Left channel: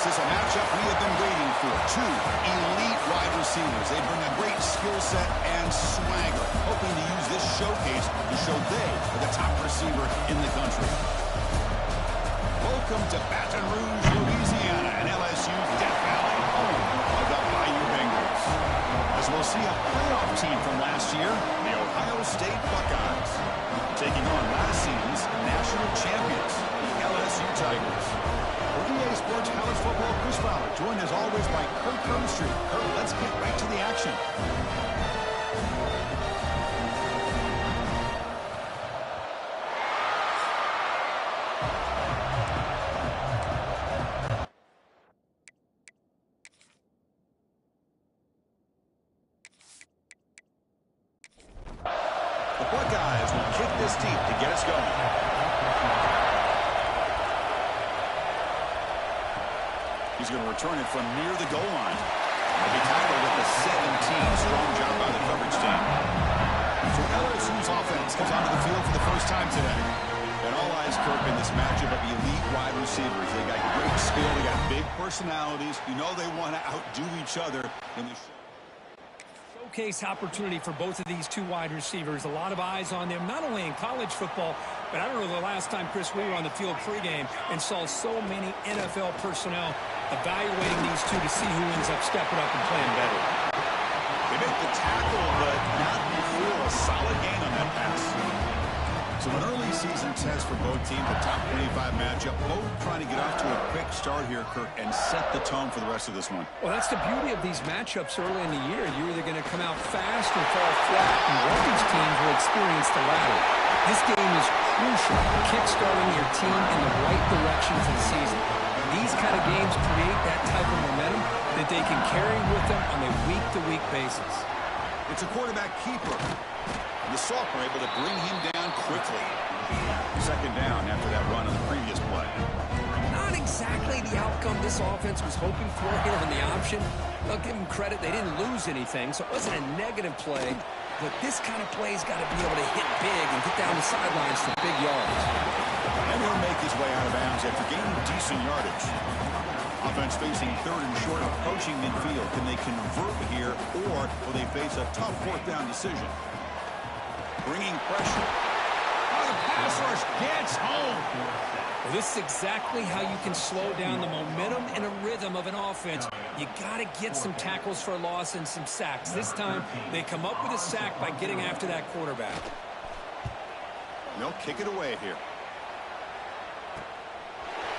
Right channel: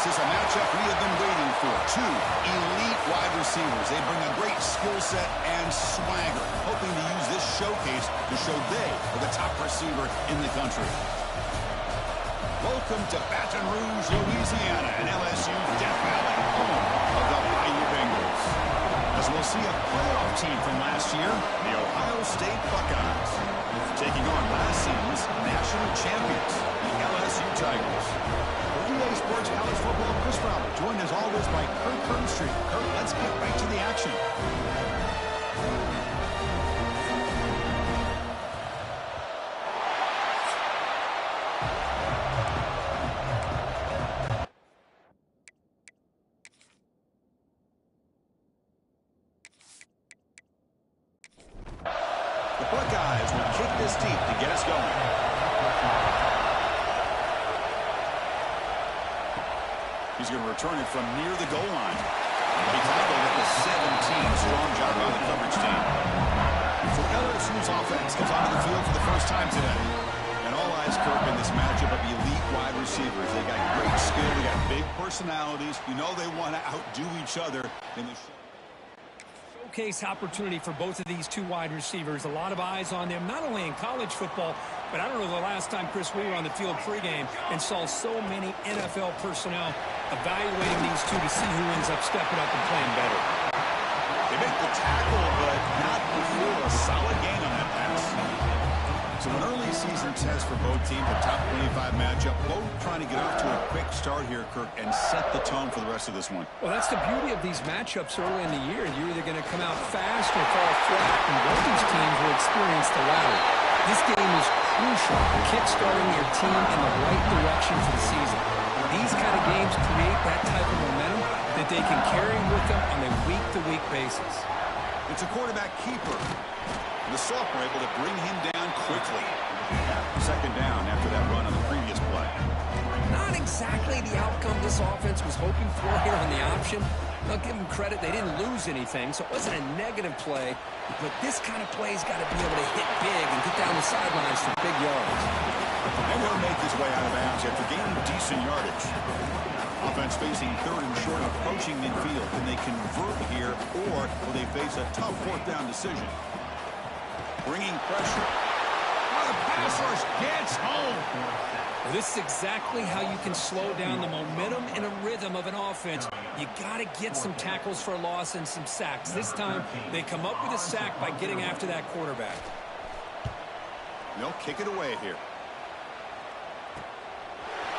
This is a matchup we have been waiting for. Two elite wide receivers. They bring a great skill set and swagger, hoping to use this showcase to show they are the top receiver in the country. Welcome to Baton Rouge, Louisiana, and LSU's Death Valley, home of the Bayou Bengals. As we'll see a playoff team from last year, the Ohio State Buckeyes, taking on last season's national champions, the LSU Tigers. For EA Sports College Football, Chris Fowler, joined as always by Kurt Burnstreet. Kurt, let's get right to the action. The Buckeyes will kick this deep to get us going. He's going to return it from near the goal line. He'll be tackled at the 17. Strong job by the coverage team. So LSU's offense comes onto the field for the first time today. And all eyes, Kirk, in this matchup of elite wide receivers. They got great skill. They got big personalities. You know they want to outdo each other in the show. Showcase opportunity for both of these two wide receivers. A lot of eyes on them, not only in college football, but I don't know the last time, Chris, we were on the field pregame and saw so many NFL personnel evaluating these two to see who ends up stepping up and playing better. They make the tackle, but not before a solid gain on that pass. So an early season test for both teams, a top 25 matchup, both trying to get off to a quick start here, Kirk, and set the tone for the rest of this one. Well, that's the beauty of these matchups early in the year. You're either going to come out fast or fall flat, and both these teams will experience the latter. This game is crucial, kick-starting your team in the right direction for the season. These kind of games create that type of momentum that they can carry with them on a week-to-week basis. It's a quarterback keeper. The sophomore able to bring him down quickly. Second down after that run on the previous play. Not exactly the outcome this offense was hoping for here on the option. I'll give them credit. They didn't lose anything, so it wasn't a negative play. But this kind of play's got to be able to hit big and get down the sidelines for big yards. And he'll make his way out of bounds after gaining decent yardage. Offense facing third and short, approaching midfield. Can they convert here, or will they face a tough fourth down decision? Bringing pressure. Oh, the pass rush gets home. Well, this is exactly how you can slow down the momentum and a rhythm of an offense. You got to get some tackles for a loss and some sacks. This time, they come up with a sack by getting after that quarterback. They'll kick it away here.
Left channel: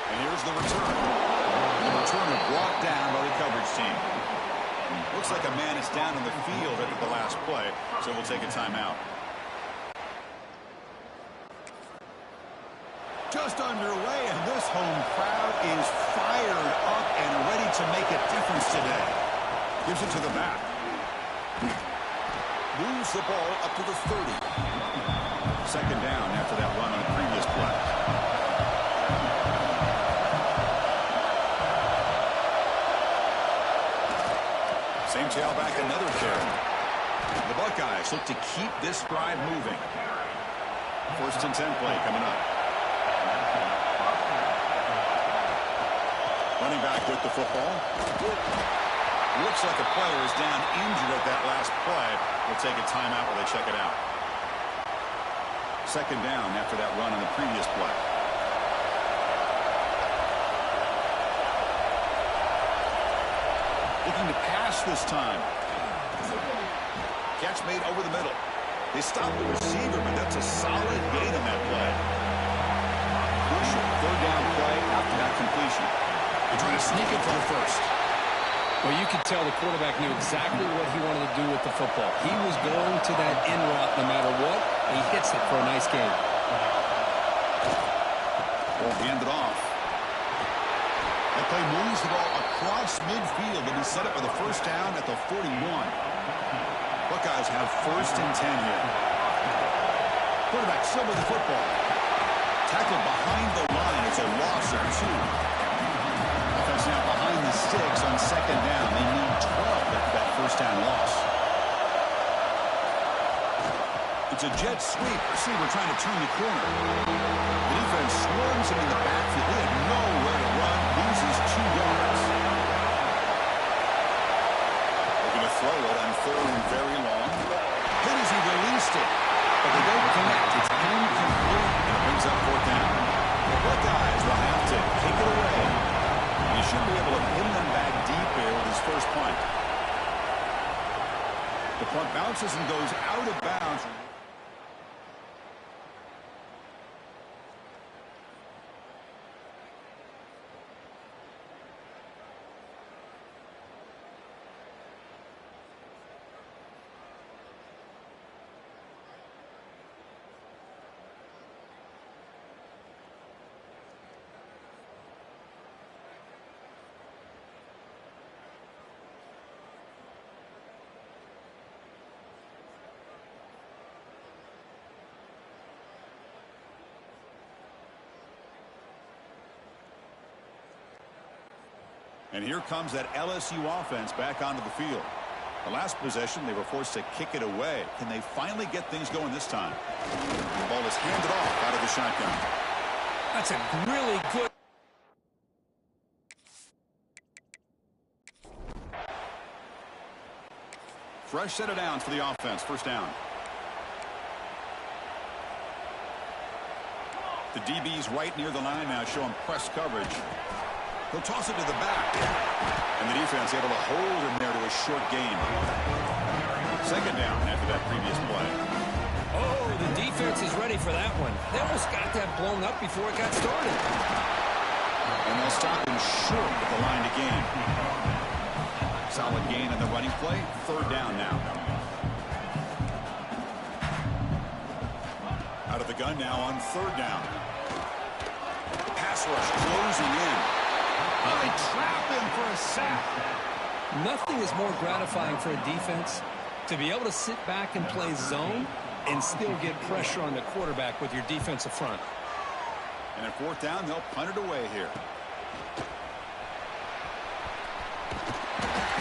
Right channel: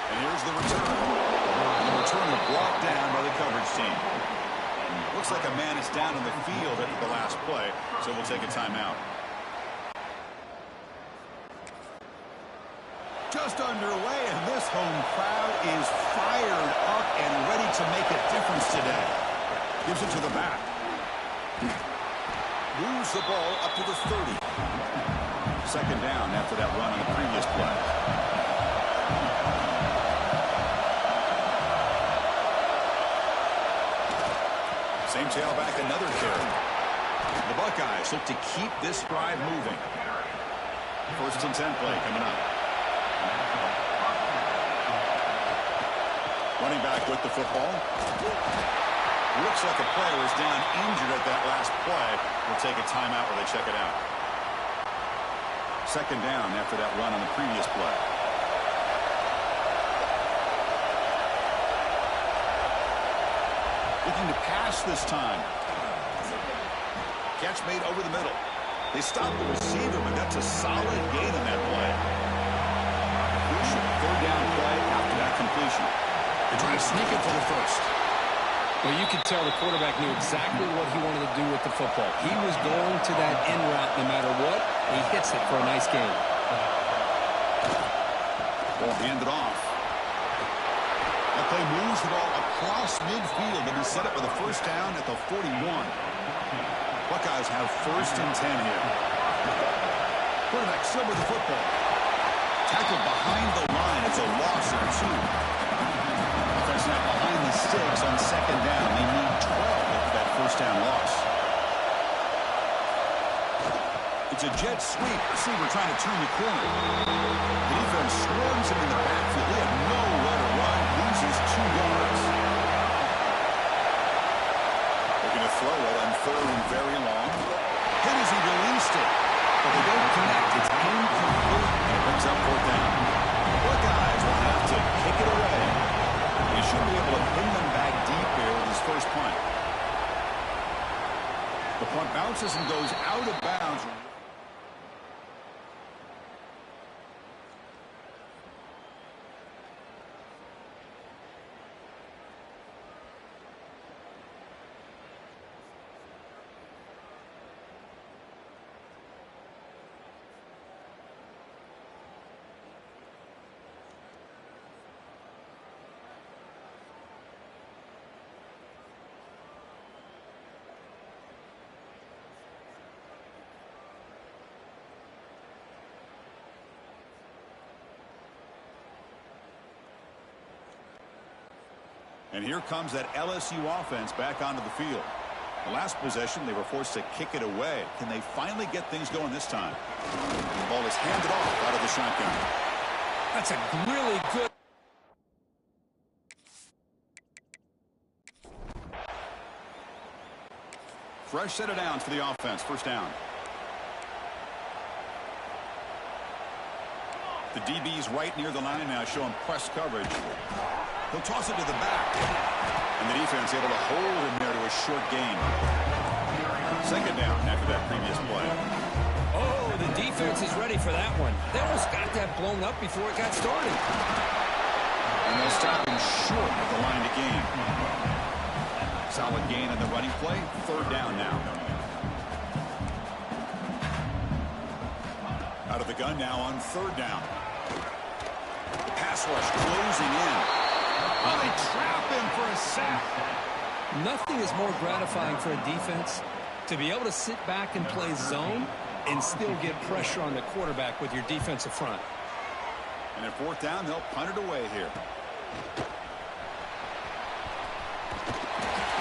And here's the return. And the returner brought down by the coverage team. Looks like a man is down in the field after the last play, so we'll take a timeout. Just underway, and this home crowd is fired up and ready to make a difference today. Gives it to the back. Moves the ball up to the 30. Second down after that run on the previous play. Same tailback, another carry. The Buckeyes look to keep this drive moving. First and 10 play coming up. Running back with the football. Looks like a player is down injured at that last play. We'll take a timeout while they check it out. Second down after that run on the previous play. Looking to pass this time. Catch made over the middle. They stopped the receiver, but that's a solid gain on that play. Crucial third down play after that completion. They try to sneak it for the first. Well, you could tell the quarterback knew exactly what he wanted to do with the football. He was going to that end route no matter what. He hits it for a nice gain. Ball handed off. That play moves the ball across midfield to be set up for the first down at the 41. Buckeyes have first and 10 here. Quarterback still with the football. Tackled behind the line. It's a loss of 2. Offense now behind the sticks on second down. They need 12 after that first down loss. It's a jet sweep. Receiver trying to turn the corner. The defense swarms him in the backfield. He had nowhere to run. Loses loses 2 yards. Looking to throw it on 3rd and very long. Hit as he released it, but they don't connect. It's incomplete, and it brings up 4th down. The Buckeyes will have to kick it away. He should be able to pin them back deep here with his first punt. The punt bounces and goes out of bounds. And here comes that LSU offense back onto the field. The last possession, they were forced to kick it away. Can they finally get things going this time? The ball is handed off out of the shotgun. That's a really good. Fresh set of downs for the offense. 1st down. The DB's right near the line now, showing press coverage. He'll toss it to the back. And the defense able to hold him there to a short gain. 2nd down after that previous play. Oh, the defense is ready for that one. They almost got that blown up before it got started. And they'll stop him short of the line to gain. Solid gain on the running play. 3rd down now. Out of the gun now on 3rd down. The pass rush closing in. Oh, they trap him for a sack. Nothing is more gratifying for a defense to be able to sit back and play zone and still get pressure on the quarterback with your defensive front. And at 4th down, they'll punt it away here.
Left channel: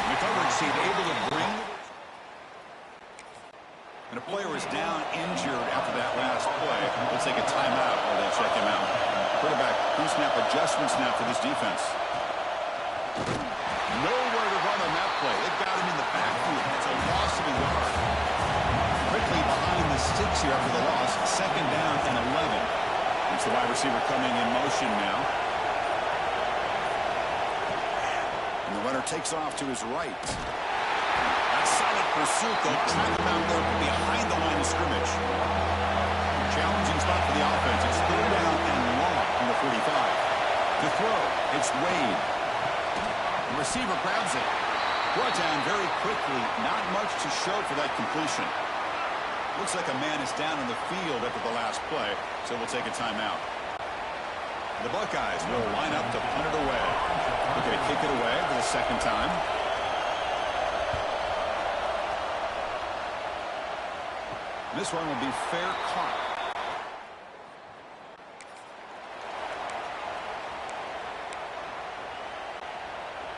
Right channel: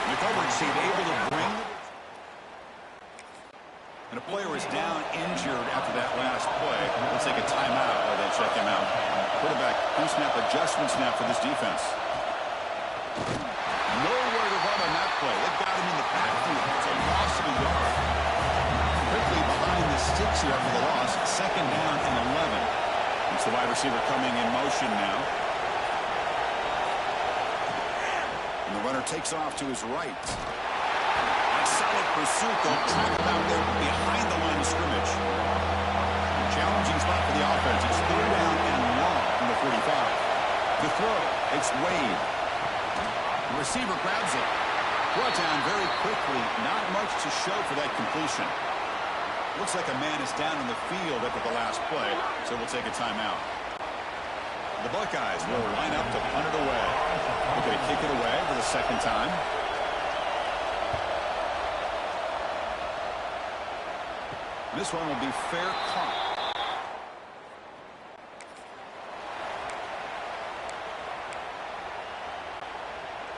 The coverage team able to bring the... And a player is down injured after that last play. Let's take a timeout while they check him out. Quarterback pre-snap adjustments now for this defense. Nowhere to run on that play. They've got him in the backfield. It's a loss of a yard. Quickly behind the sticks here after the loss. 2nd down and 11. It's the wide receiver coming in motion now. And the runner takes off to his right. That solid pursuit. They'll trap him out there behind the line of scrimmage. Challenging spot for the offense. It's 3rd down and long from the 45. To throw, it's Wade. The receiver grabs it. Brought down very quickly. Not much to show for that completion. Looks like a man is down in the field after the last play, so we'll take a timeout. The Buckeyes will line up to punt it away. Looking to kick it away for the 2nd time. This one will be fair caught.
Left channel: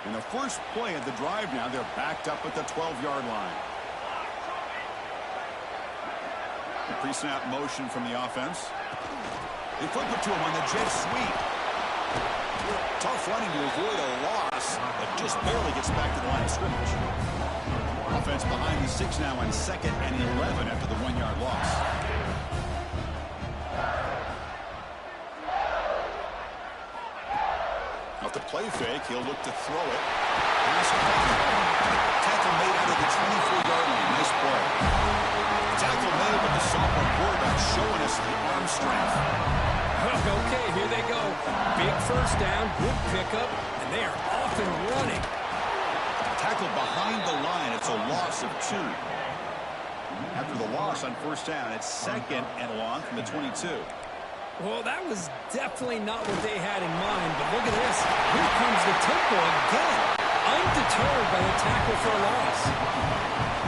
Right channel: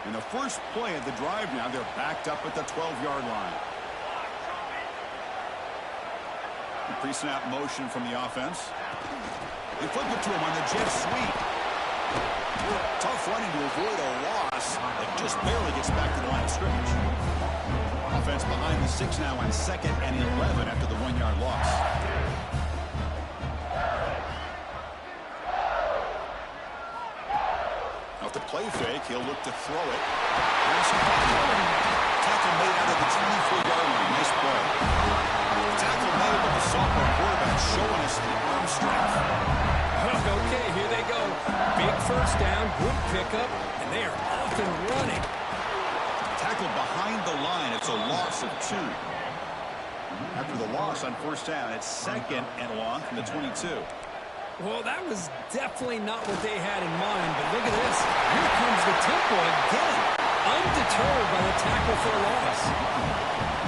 In the first play of the drive now, they're backed up at the 12-yard line. The pre-snap motion from the offense. They flip it to him on the jet sweep. Tough running to avoid a loss, but just barely gets back to the line of scrimmage. Offense behind the 6 now on 2nd and 11 after the 1-yard loss. Off the play fake, he'll look to throw it. Pass caught. Tackle made out of the 24-yard line. Nice play. Tackle made, but the sophomore quarterback showing us the arm strength. Okay, here they go. Big 1st down, good pickup, and they are off and running. Tackled behind the line. It's a loss of 2. After the loss on 1st down, it's 2nd and long from the 22. Well, that was definitely not what they had in mind, but look at this. Here comes the tempo again. Undeterred by the tackle for a loss.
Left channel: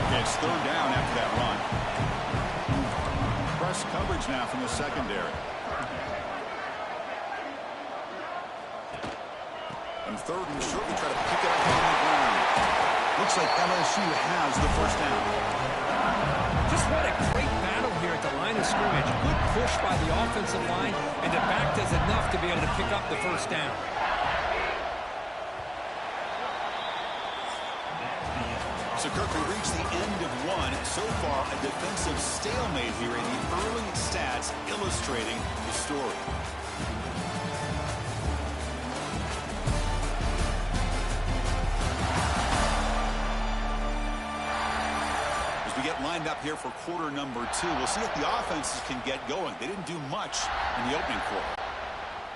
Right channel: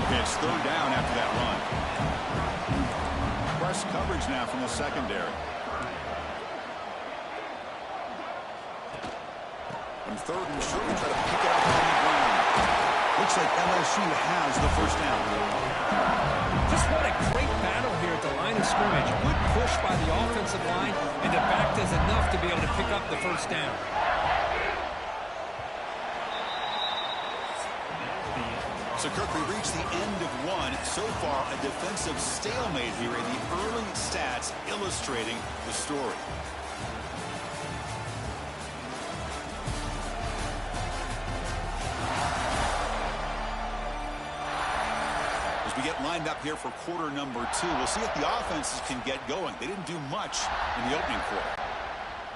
Okay, it's 3rd down after that run. Press coverage now from the secondary. On 3rd and short, we try to pick it up on the ground. Looks like LSU has the 1st down. Just what a great battle here at the line of scrimmage. Good push by the offensive line, and the back does enough to be able to pick up the 1st down. So, Kirk, we reached the end of one. So far, a defensive stalemate here, and the early stats illustrating the story. As we get lined up here for quarter number 2, we'll see if the offenses can get going. They didn't do much in the opening quarter.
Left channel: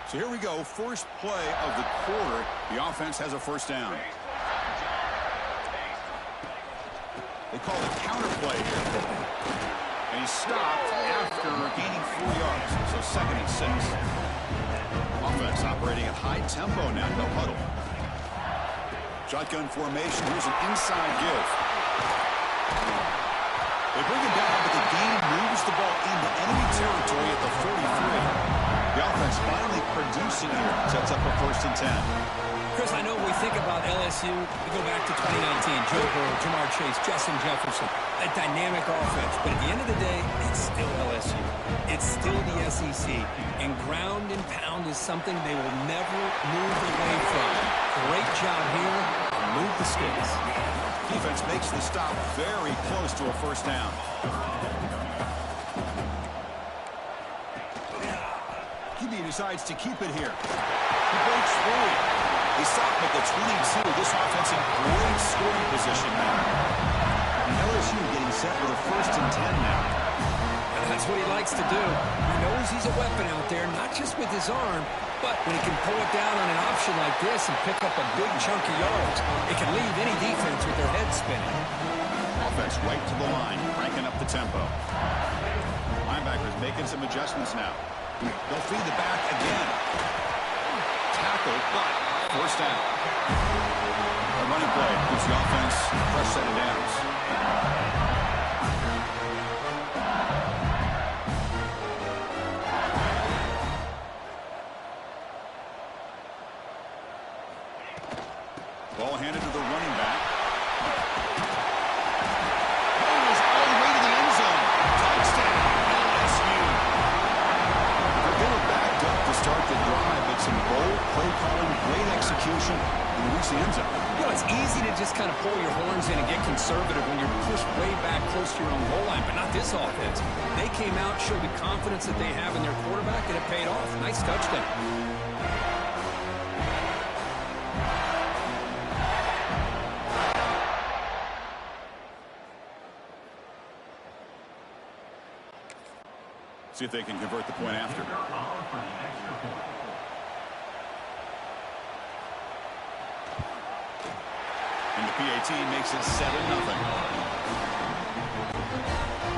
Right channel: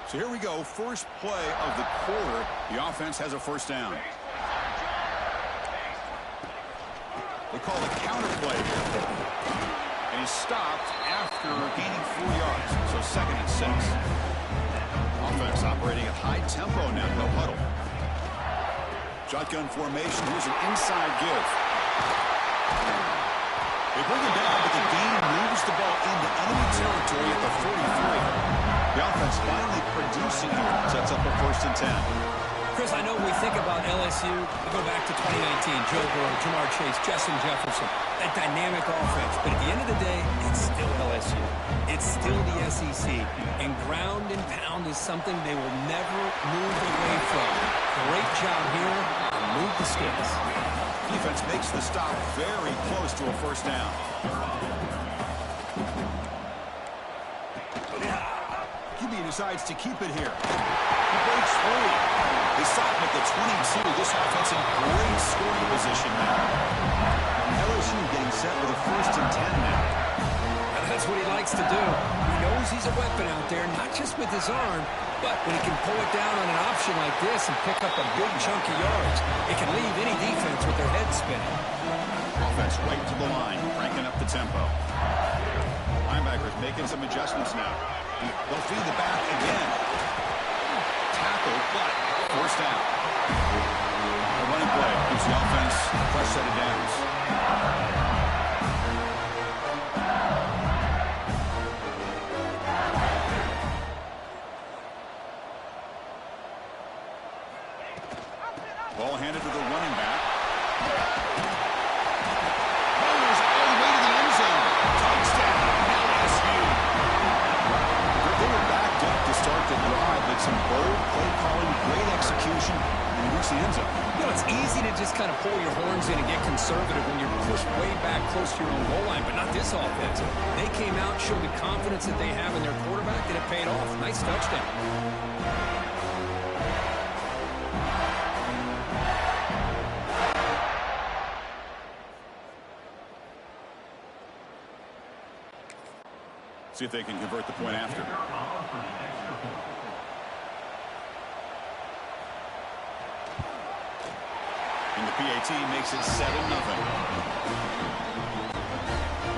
So here we go, first play of the quarter. The offense has a first down. They call it counter play here. And he's stopped after gaining 4 yards. So 2nd and 6. Offense operating at high tempo now, no huddle. Shotgun formation, here's an inside give. They bring him down, but the game moves the ball into enemy territory at the 43. The offense finally producing here. Sets up a 1st and 10. Chris, I know we think about LSU. We go back to 2019. Joe Burrow, Jamar Chase, Justin Jefferson. A dynamic offense. But at the end of the day, it's still LSU. It's still the SEC. And ground and pound is something they will never move away from. Great job here. Move the sticks. Defense makes the stop very close to a 1st down. QB decides to keep it here. He breaks free. They stop him at the 22. This offense in great scoring position now. LSU getting set with a 1st and 10 now. And that's what he likes to do. He knows he's a weapon out there, not just with his arm, but when he can pull it down on an option like this and pick up a big chunk of yards, it can leave any defense with their head spinning. Offense right to the line, cranking up the tempo. Linebackers making some adjustments now. They'll feed the back again. Tackled, but 1st down. A running play gives the offense a fresh set of downs. Ball handed to the running back. Goes all the way to the end zone. Touchdown, LSU. They were backed up to start the drive, but some bold play calling, great execution, and they reached the end zone. You know, it's easy to just kind of pull your horns in and get conservative when you're pushed way back close to your own goal line, but not this offense. They came out, showed the confidence that they have in their quarterback, and it paid off. Nice touchdown. See if they can convert the point after. And the PAT makes it 7-0.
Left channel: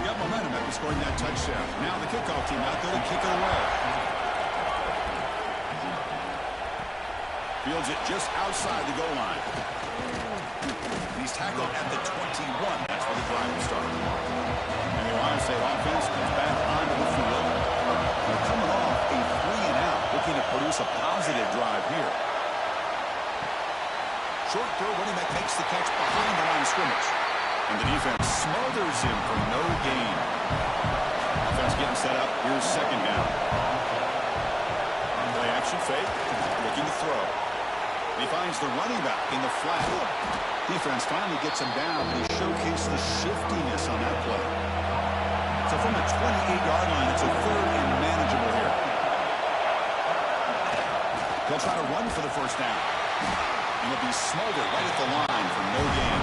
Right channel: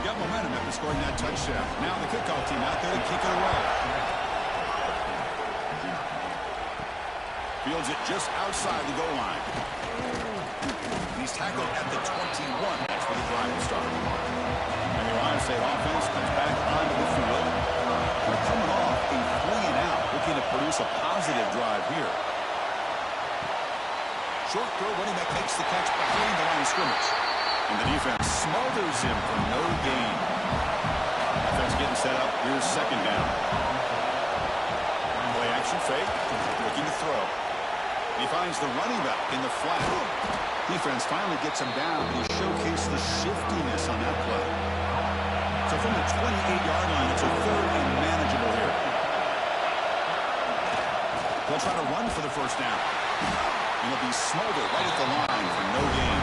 Got momentum after scoring that touchdown. Now the kickoff team out there to kick it away. Fields it just outside the goal line. And he's tackled at the 21. That's where the drive will start. And the Ohio State offense comes back onto the field. They're coming off a 3-and-out, looking to produce a positive drive here. Short throw, running back makes the catch behind the line of scrimmage. And the defense smothers him for no gain. Offense getting set up. Here's 2nd down. Play action fake. Looking to throw. He finds the running back in the flat. Defense finally gets him down, but he showcased the shiftiness on that play. So from the 28-yard line, it's a 3rd and manageable here. They'll try to run for the 1st down. And he'll be smothered right at the line for no gain.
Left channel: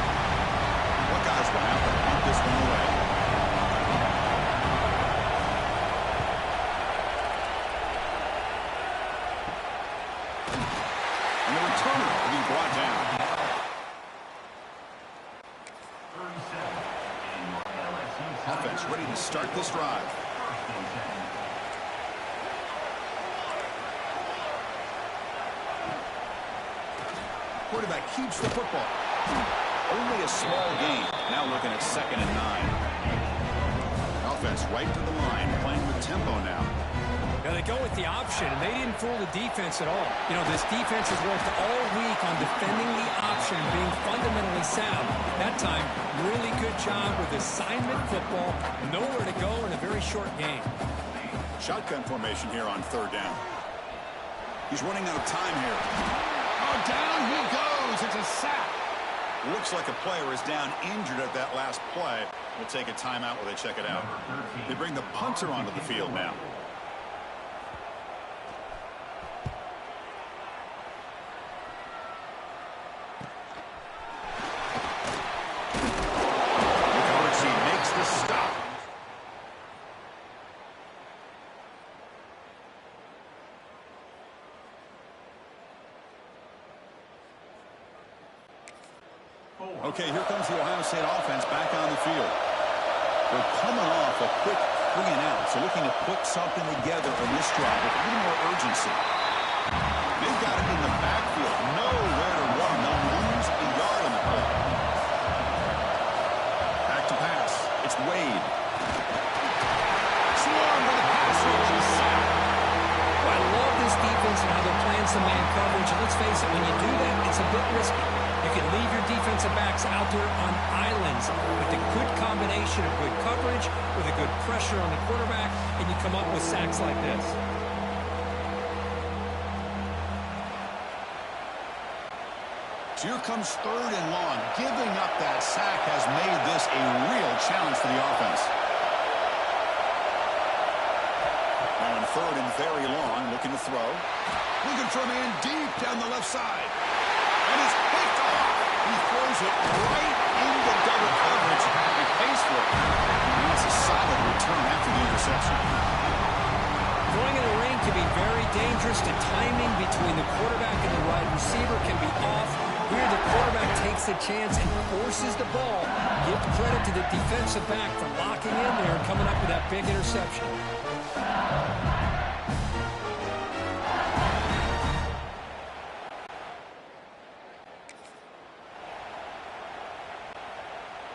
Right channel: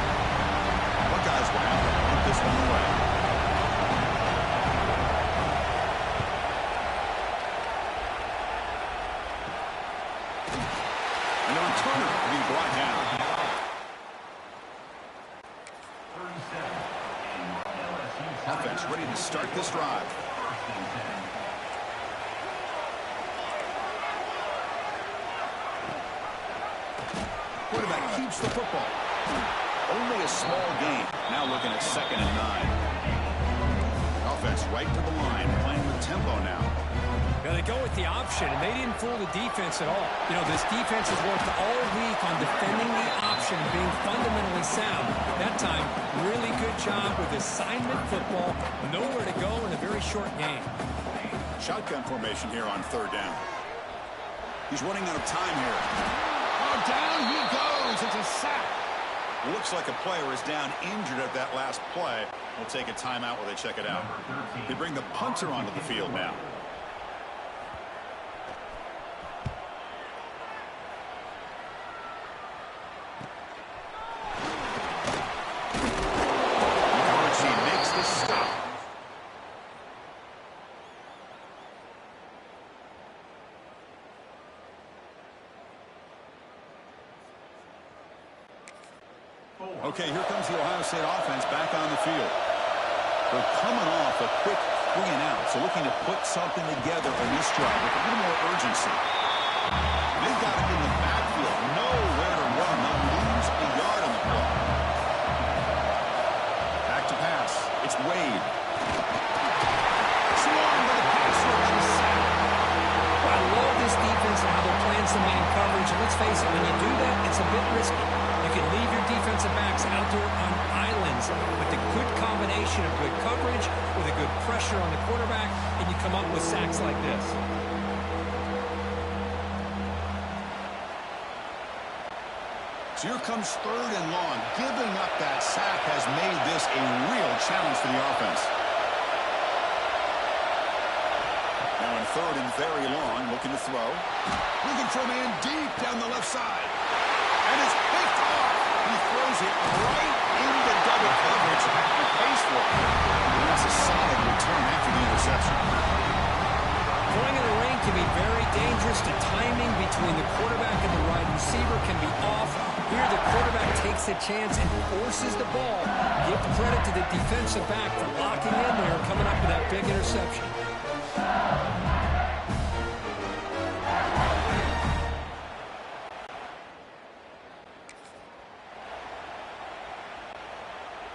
Buckeyes will have to punt this one away. And the returner will be brought down. Offense ready to start this drive. Quarterback keeps the football. Only a small gain. Now looking at 2nd and 9. Offense right to the line, playing with tempo now. Now they go with the option, and they didn't fool the defense at all. You know, this defense has worked all week on defending the option, being fundamentally sound. That time, really good job with assignment football. Nowhere to go in a very short game. Shotgun formation here on 3rd down. He's running out of time here. Oh, down he goes. It's a sack. Looks like a player is down injured at that last play. We'll take a timeout while they check it out. They bring the punter onto the field now. The coverage team makes the stop. Okay, here comes the Ohio State offense back on the field. They're coming off a quick 3-and-out, so looking to put something together on this drive with a little more urgency. They've got it in the backfield, nowhere to run. They'll lose a yard on the play. Back to pass. It's Wade. Swarmed by the passer and a sack. Well, I love this defense and how they're playing some man coverage. And let's face it, when you do that, it's a bit risky. You can leave your defensive backs out there on islands with a good combination of good coverage, with a good pressure on the quarterback, and you come up with sacks like this. So here comes 3rd and long. Giving up that sack has made this a real challenge for the offense. Now in 3rd and very long, looking to throw. Looking for a man deep down the left side. And it's picked off. He throws it right into double coverage and pays for it. And that's a solid return after the interception. Throwing in the rain can be very dangerous. The timing between the quarterback and the wide receiver can be off. Here the quarterback takes a chance and forces the ball. Give credit to the defensive back for locking in there and coming up with that big interception.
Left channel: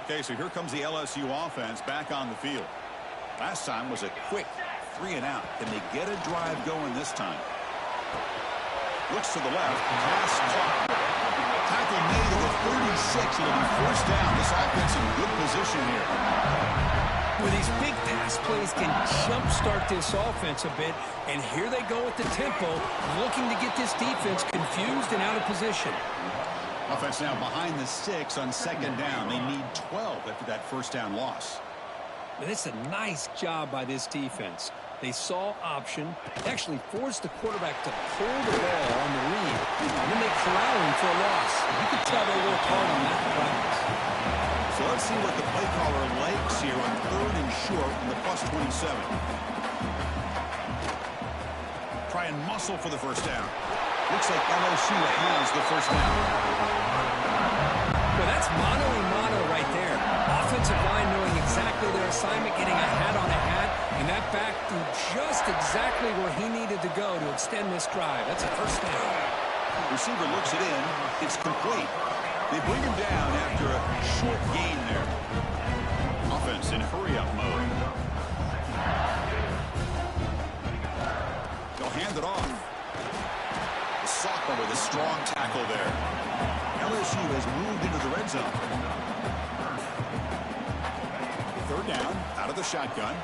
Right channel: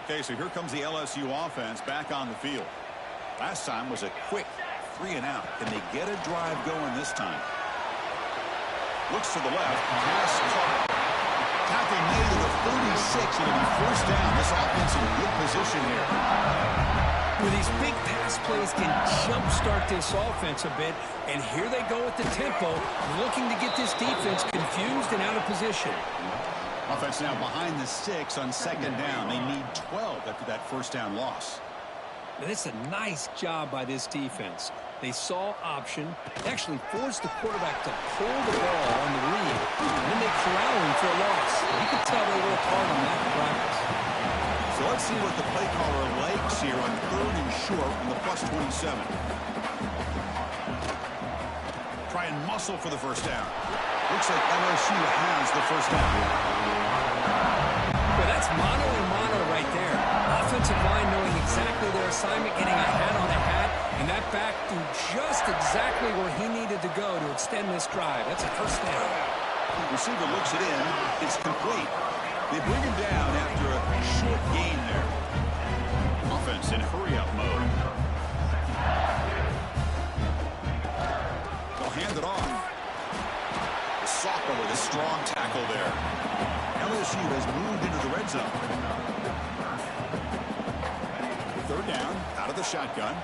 Okay, so here comes the LSU offense back on the field. Last time was a quick 3-and-out. Can they get a drive going this time? Looks to the left. Pass caught. Tackle made to the 36. It'll be 1st down. This offense in good position here. Well, these big pass plays can jumpstart this offense a bit. And here they go with the tempo, looking to get this defense confused and out of position. Offense now behind the 6 on 2nd down. They need 12 after that 1st down loss. Now, this is a nice job by this defense. They saw option. They actually forced the quarterback to pull the ball on the read, and then they corral him for a loss. You can tell they worked hard on that in practice. So let's see what the play caller likes here on 3rd and short from the +27. Try and muscle for the 1st down. Looks like LSU has the 1st down. Well, that's mono-a-mono right there. Offensive line knowing exactly their assignment, getting a hat on a hat, and that back threw just exactly where he needed to go to extend this drive. That's a 1st down. Receiver looks it in. It's complete. They bring him down after a short gain there. Offense in hurry-up mode. They'll hand it off. The sophomore with a strong tackle there. LSU has moved into the red zone. 3rd down, out of the shotgun.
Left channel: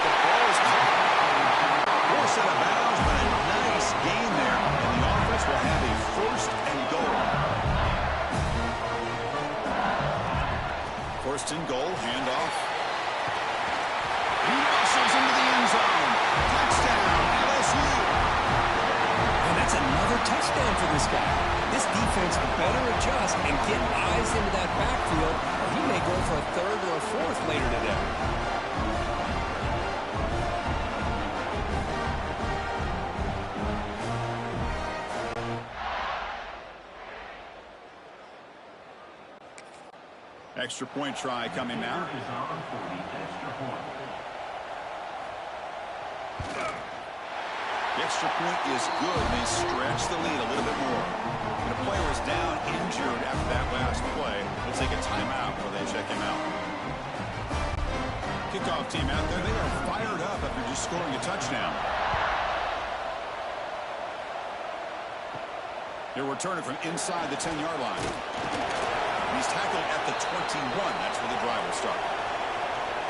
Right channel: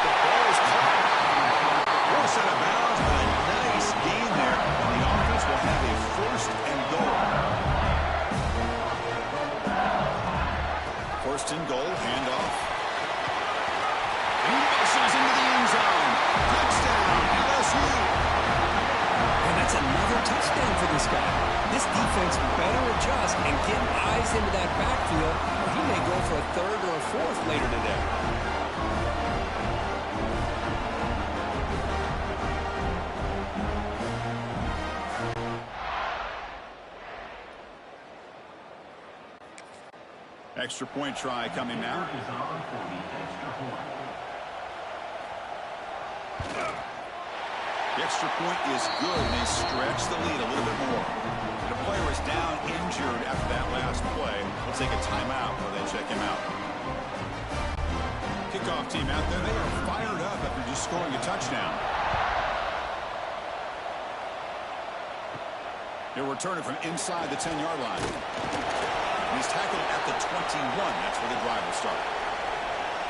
The ball is caught. Forced out of bounds, but a nice gain there, and the offense will have a 1st and goal. 1st and goal, handoff. He muscles into the end zone. Touchdown, LSU. And that's another touchdown for this guy. This defense better adjust and get eyes into that backfield, or he may go for a 3rd or a 4th later today. Extra point try coming now. The extra point is good, and they stretch the lead a little bit more. And a player is down injured after that last play. We'll take a timeout while they check him out. Kickoff team out there, they are fired up after just scoring a touchdown. They're returning from inside the 10-yard line. And he's tackled at the 21. That's where the drive will start.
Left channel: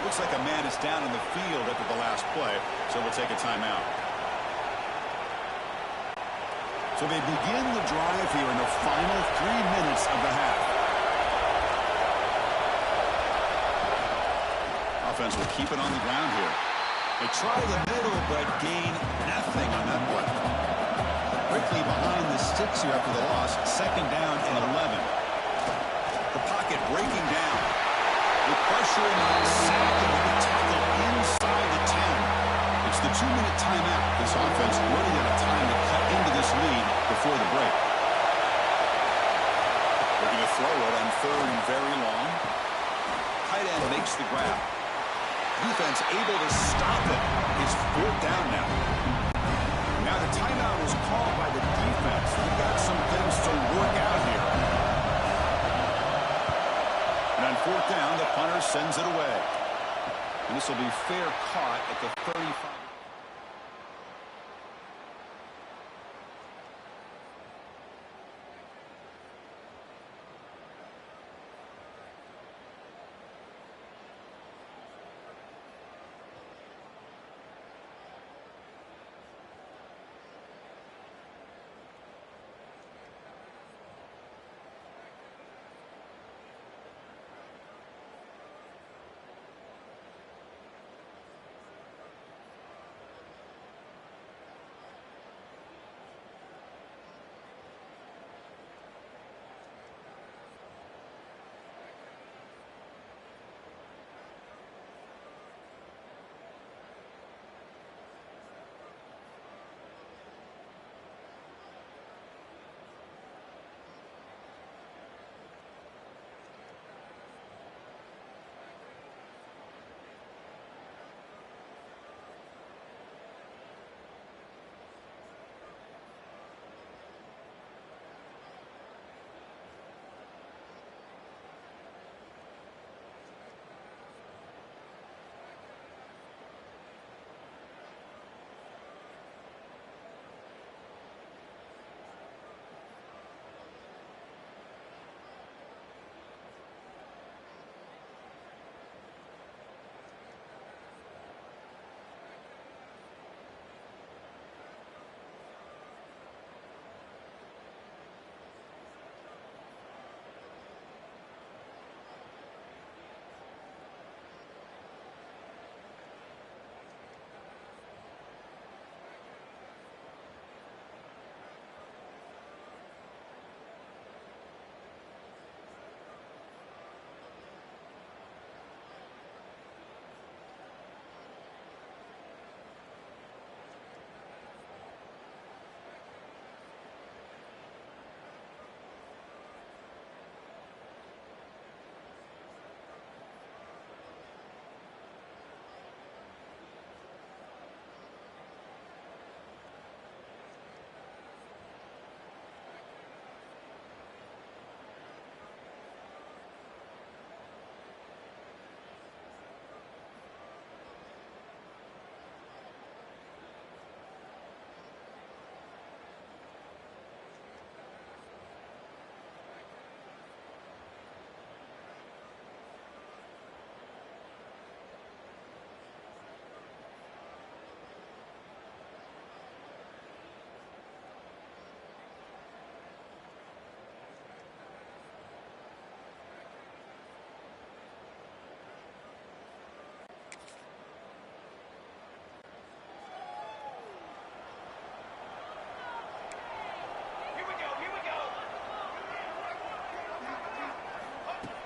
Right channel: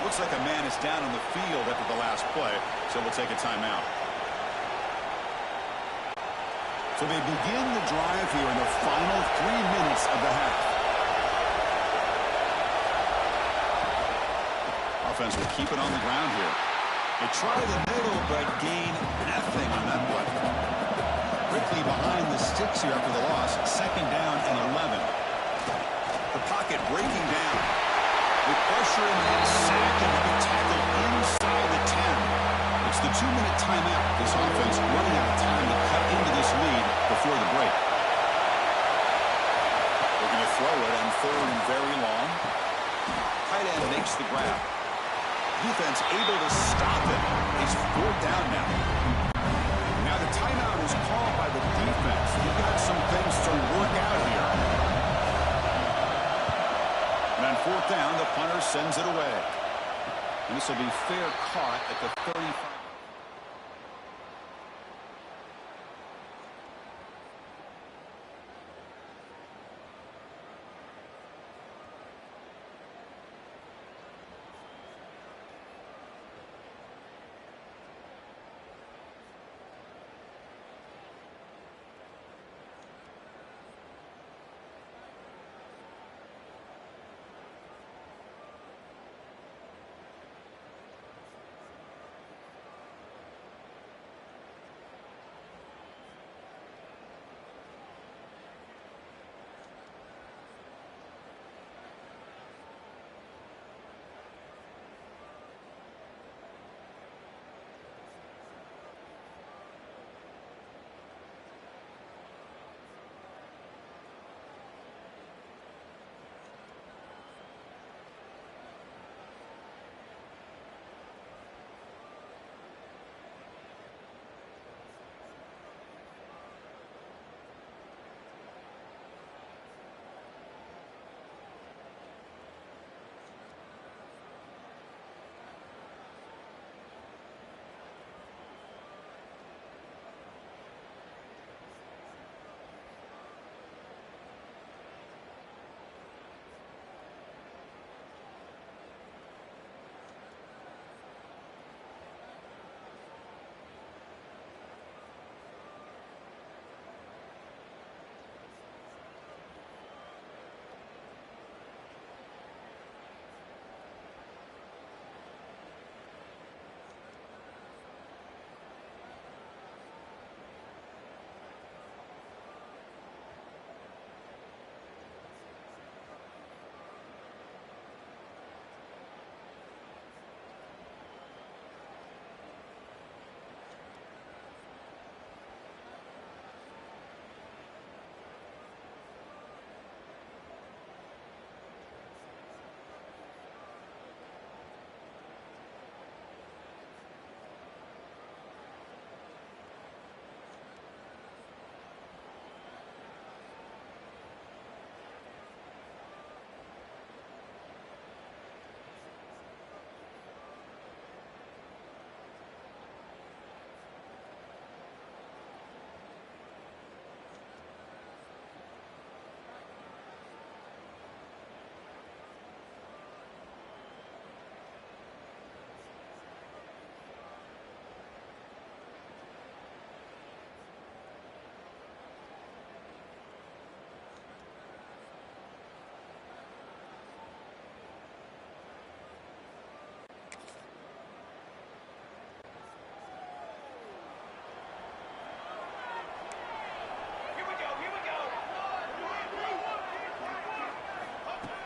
Looks like a man is down on the field after the last play, so we'll take a timeout. So they begin the drive here in the final 3 minutes of the half. Offense will keep it on the ground here. They try the middle, but gain nothing on that play. Quickly behind the sticks here after the loss. 2nd down and 11. The pocket breaking down. With pressure in the sack, and will be tackled inside the 10. It's the 2-minute timeout. This offense running out of time to cut into this lead before the break. Looking to throw it on 3rd and very long. Tight end makes the grab. Defense able to stop it. It's 4th down now. Now the timeout is called by the defense. They've got some things to work out here. And on 4th down, the punter sends it away. And this will be fair caught at the 35.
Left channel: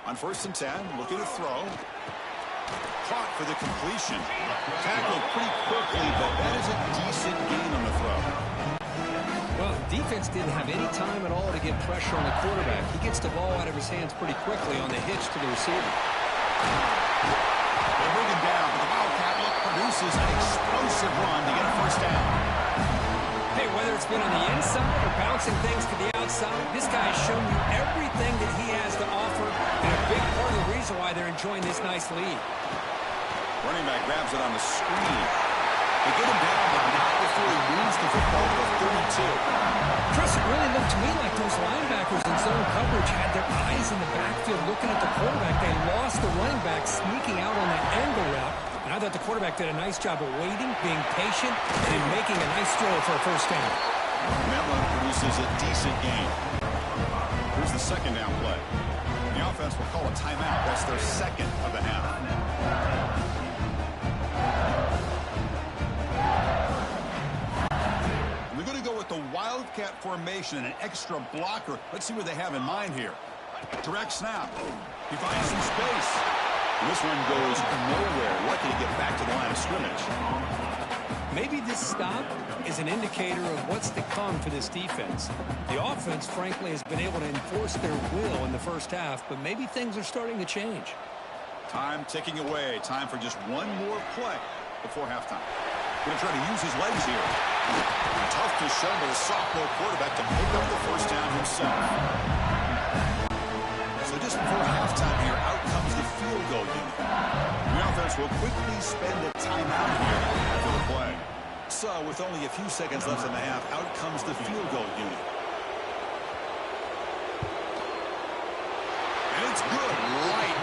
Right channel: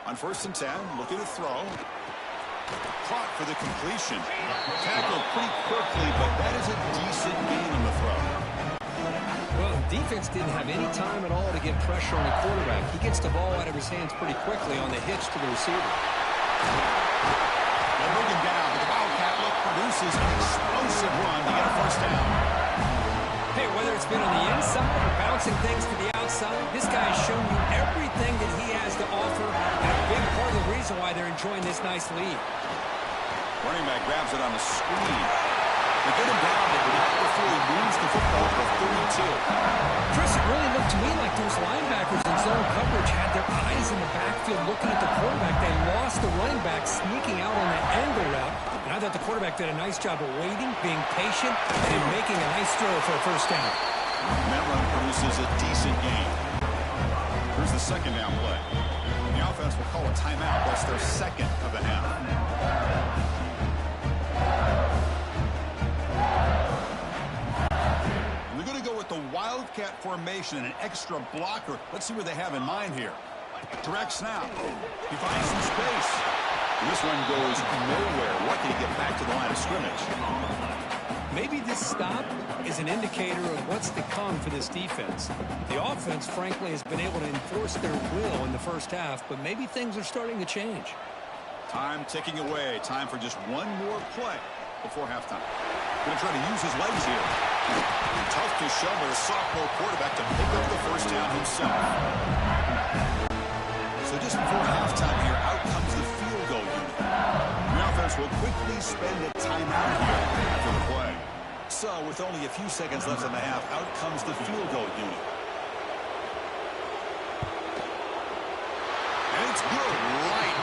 On 1st and 10, looking to throw. Caught for the completion. Tackled pretty quickly, but that is a decent gain on the throw. Well, defense didn't have any time at all to get pressure on the quarterback. He gets the ball out of his hands pretty quickly on the hitch to the receiver. They bring him down, but the Wildcat look produces an explosive run to get a 1st down. Hey, whether it's been on the inside or bouncing things to the outside, this guy has shown you everything that he has to offer, and a big part of the reason why they're enjoying this nice lead. Running back grabs it on the screen. They get him down, but not before he moves the football to 32. Chris, it really looked to me like those linebackers in zone coverage had their eyes in the backfield looking at the quarterback. They lost the running back sneaking out on that angle route. And I thought the quarterback did a nice job of waiting, being patient, and making a nice throw for a 1st down. And that run produces a decent gain. Here's the second down play. The offense will call a timeout. That's their second of the half. And they're going to go with the wildcat formation and an extra blocker. Let's see what they have in mind here. Direct snap. He finds some space. And this one goes nowhere. Lucky to get back to the line of scrimmage. Maybe this stop is an indicator of what's to come for this defense. The offense, frankly, has been able to enforce their will in the first half, but maybe things are starting to change. Time ticking away. Time for just one more play before halftime. Going to try to use his legs here. Tough to show by the sophomore quarterback to pick up the first down himself. So just before halftime here, out comes the field goal unit. The offense will quickly spend a timeout here after the play. So with only a few seconds left in the half, out comes the field goal unit. And it's good right